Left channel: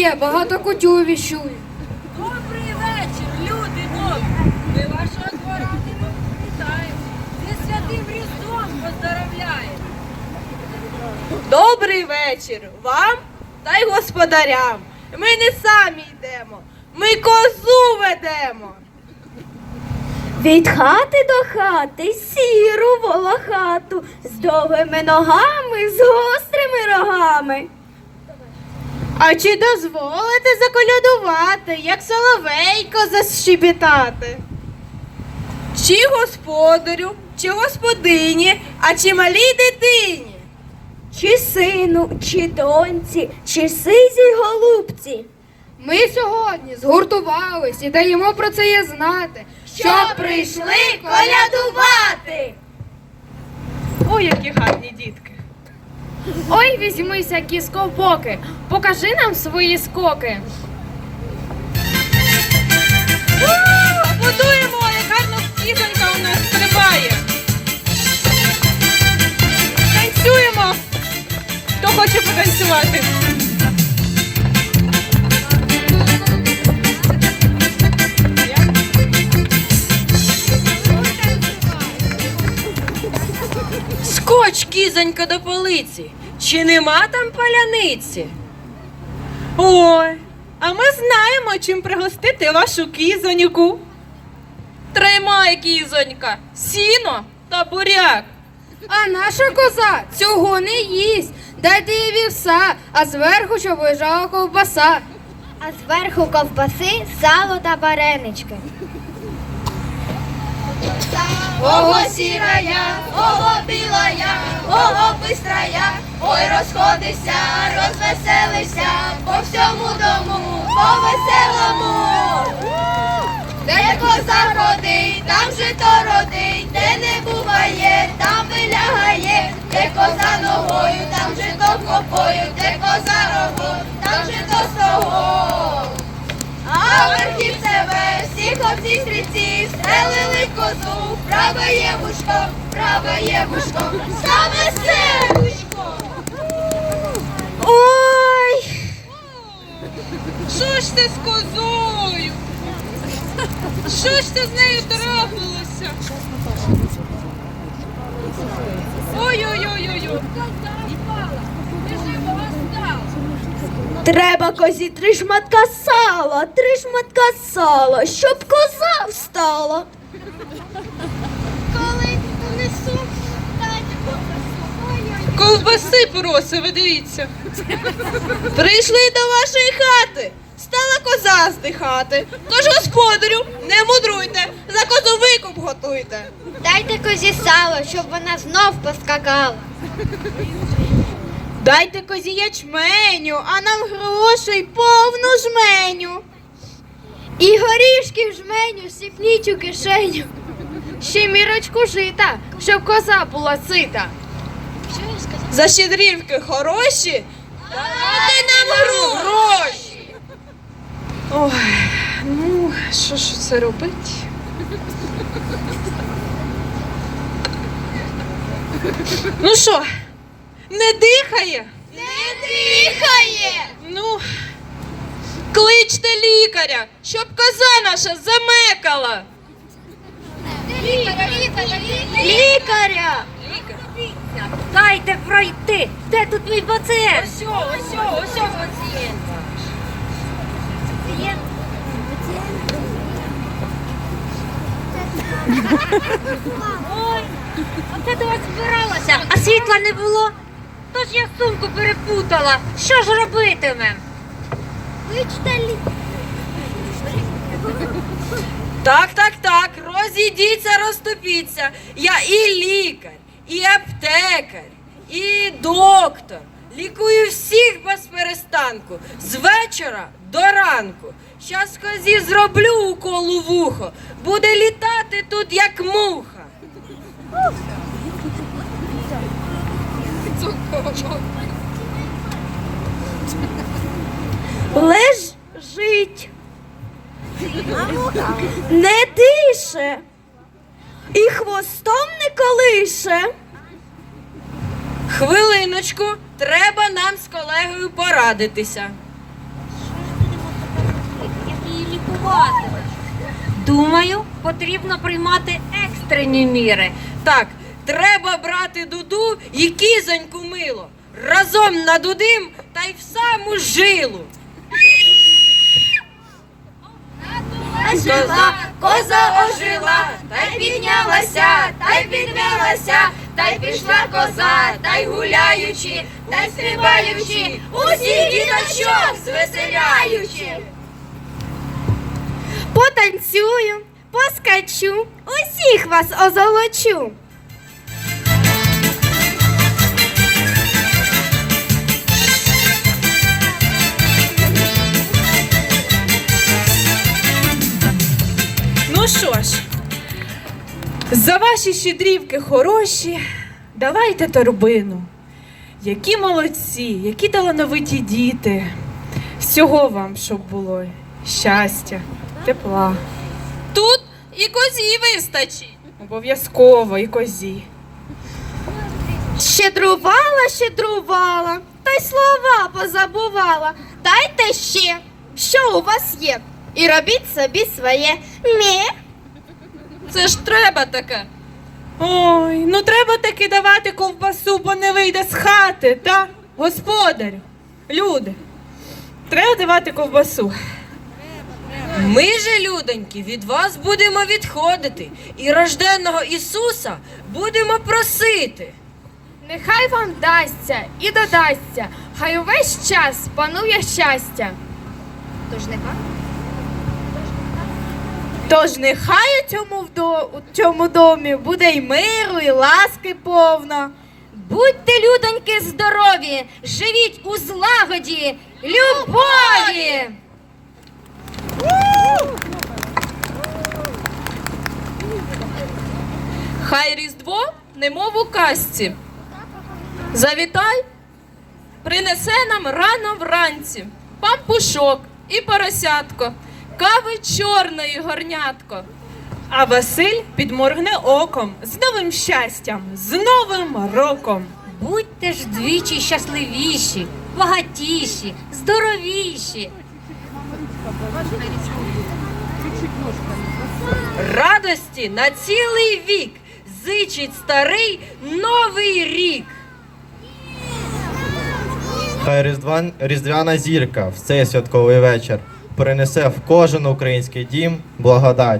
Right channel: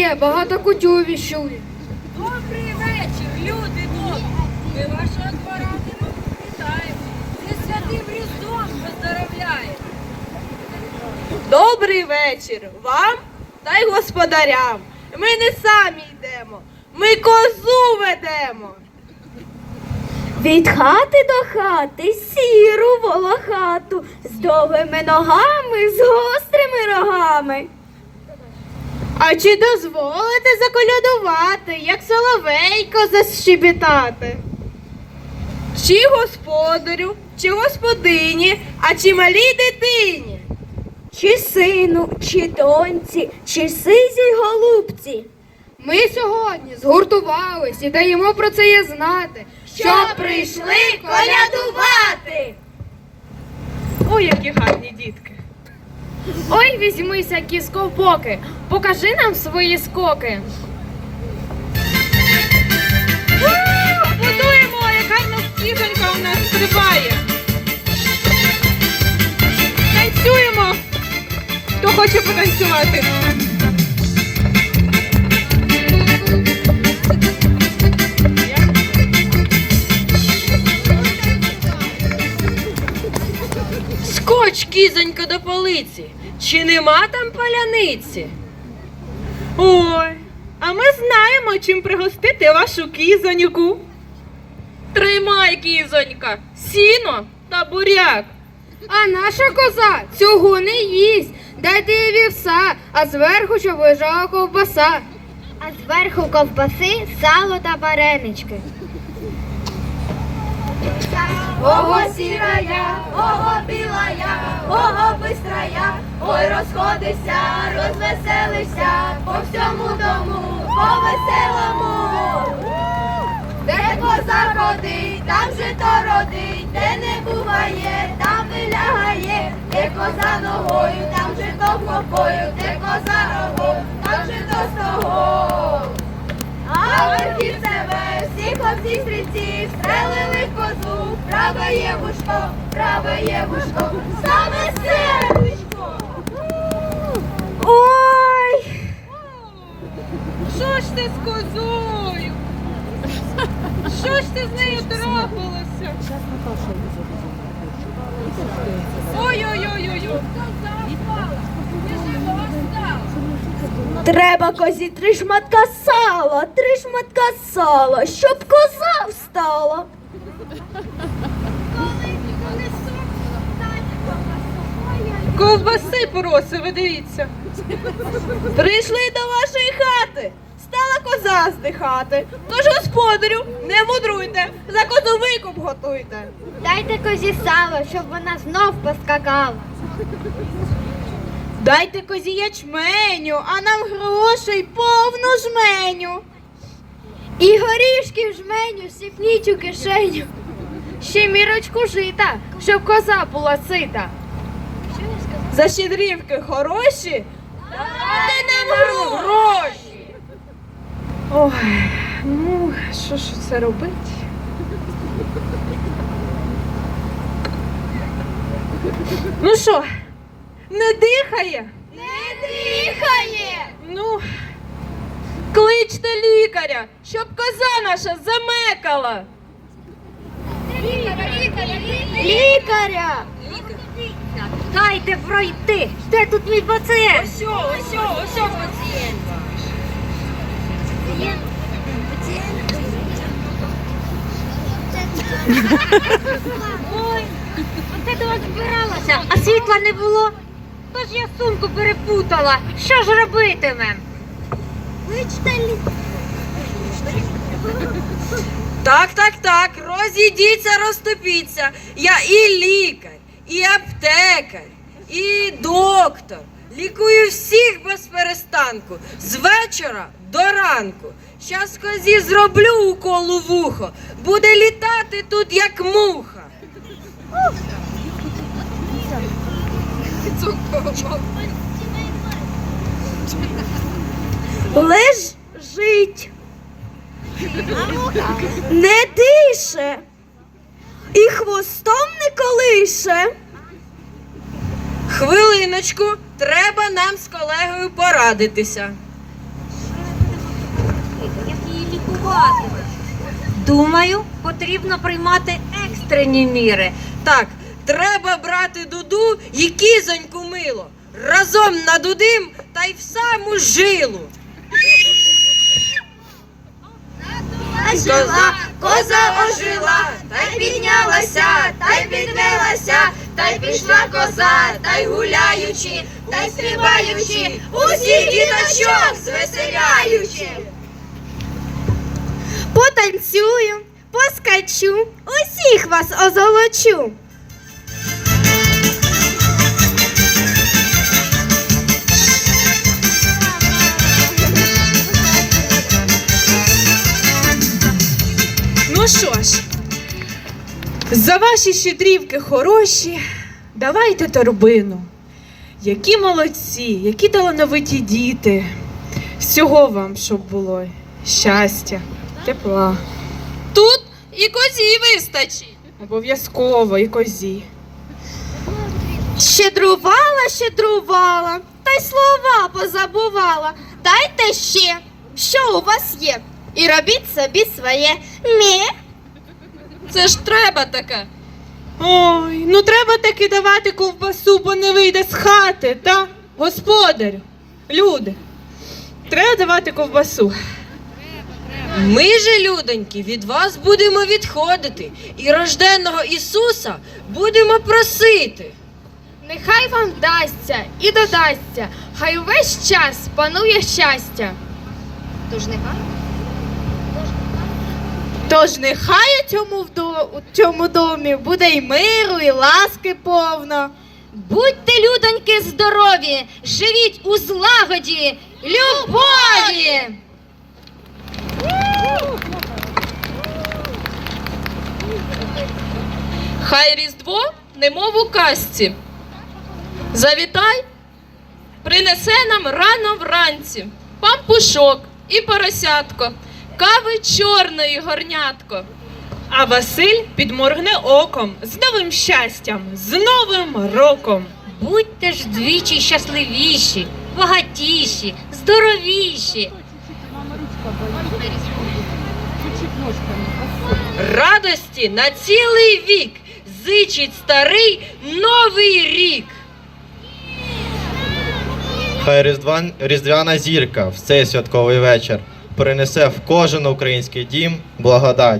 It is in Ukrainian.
п'є, багато кутю віщує. Добрий вечір, люди добрі. Ми вашого двора вітаємо. Ми святим Різдвом поздоровляємо. Добрий вечір вам та й господарям. Ми не самі йдемо, ми козу ведемо. Від хати до хати сіру волохату з довгими ногами, з гострими рогами. А чи дозволите заколядувати, як соловейко защебітати? Чи господарю, чи господині, а чи малій дитині? Чи сину, чи доньці, чи сизій голубці. Ми сьогодні згуртувались і даємо про це є знати, щоб прийшли колядувати. Ой, які гарні дітки. Ой, візьмися, кісковбоки, покажи нам свої скоки. Будуємо, як скізонька у нас стрибає. Танцюємо. Хто хоче потанцювати? Скоч, кізонька, до полиці. Чи нема там паляниці? Ой, а ми знаємо, чим пригостити вашу кізоньку. Тримай, кізонька, сіно та буряк. А наша коза цього не їсть. Дайте їй вівса, а зверху, щоб лежала ковбаса. А зверху ковбаси, сало та варенички. Ого сірая, ого білая, ого бистрая, ой розходися, розвеселися, по всьому дому, по веселому. Де коза ходить, там же то родить, де не буває, там вилягає, де коза ногою, там же то копою, хлопці стрільці стрелили козу, праве є вушко, праве є вушко, саме сердушко. Ой! Що ж ти з козою? Що ж ти з нею трапилося? Треба козі три шматка сала, три шматка сала, щоб коза встала. Коли донесу, дайте ковбасу. Ковбаси просив, ви дивіться. Прийшли до вашої хати. Стала коза здихати. Тож, господарю, не мудруйте, за козу викуп готуйте. Дайте козі сало, щоб вона знов поскакала. Дайте козі ячменю, а нам грошей повну жменю. І горішки в жменю сіпніть у кишеню. Ще мірочку жита, щоб коза була сита. За щедрівки хороші, дайте нам гроші. Ой, ну, що ж це робить? Ну що, не дихає? Не дихає. Ну, кличте лікаря, щоб коза наша замекала. Лікаря, лікаря, лікаря. Лікаря! Дайте пройти. Де тут мій пацієнт? Ось, ось, ось пацієнт. Ой, оце до вас збиралася, а світла не було. Тож я сумку перепутала. Що ж робитимем? Кличте. Так, так, так, розійдіться, розступіться. Я і лікар, і аптекар, і доктор. Лікую всіх без перестанку, з вечора до ранку. Щас козі зроблю укол у вухо, буде літати тут, як муха. Лежить. Не дише. І хвостом не колише. Хвилиночку, треба нам з колегою порадитися. Думаю, потрібно приймати екстрені міри. Так, треба брати дуду і кізоньку мило. Разом надудим та й в саму жилу. Жила, коза ожила, та й піднялася, та й підвелася, та й пішла коза, та й гуляючи, та й стрибаючи, усіх діточок звеселяючи. Потанцюю, поскачу, усіх вас озолочу. За ваші щедрівки хороші, давайте торбину. Які молодці, які талановиті діти. Всього вам, щоб було щастя, тепла. Тут і козі вистачить. Обов'язково і козі. Щедрувала, щедрувала, та й слова позабувала. Дайте ще, що у вас є, і робіть собі своє. Мє. Це ж треба таке. Ой, ну треба таки давати ковбасу, бо не вийде з хати, та? Господар, люди. Треба давати ковбасу. Ми же, людоньки, від вас будемо відходити і рожденного Ісуса будемо просити. Нехай вам вдасться і додасться, хай увесь час панує щастя. Тож нехай. Тож нехай у цьому, у цьому домі буде й миру, і ласки повно. Будьте, людоньки, здорові, живіть у злагоді, любові! Хай Різдво немов у казці. Завітай, принесе нам рано вранці пампушок і поросятко, кави чорної горнятко. А Василь підморгне оком з новим щастям, з новим роком. Будьте ж двічі щасливіші, багатіші, здоровіші. Радості на цілий вік зичить старий новий рік. Хай різдван, різдвяна зірка в цей святковий вечір принесе в кожен український дім благодать.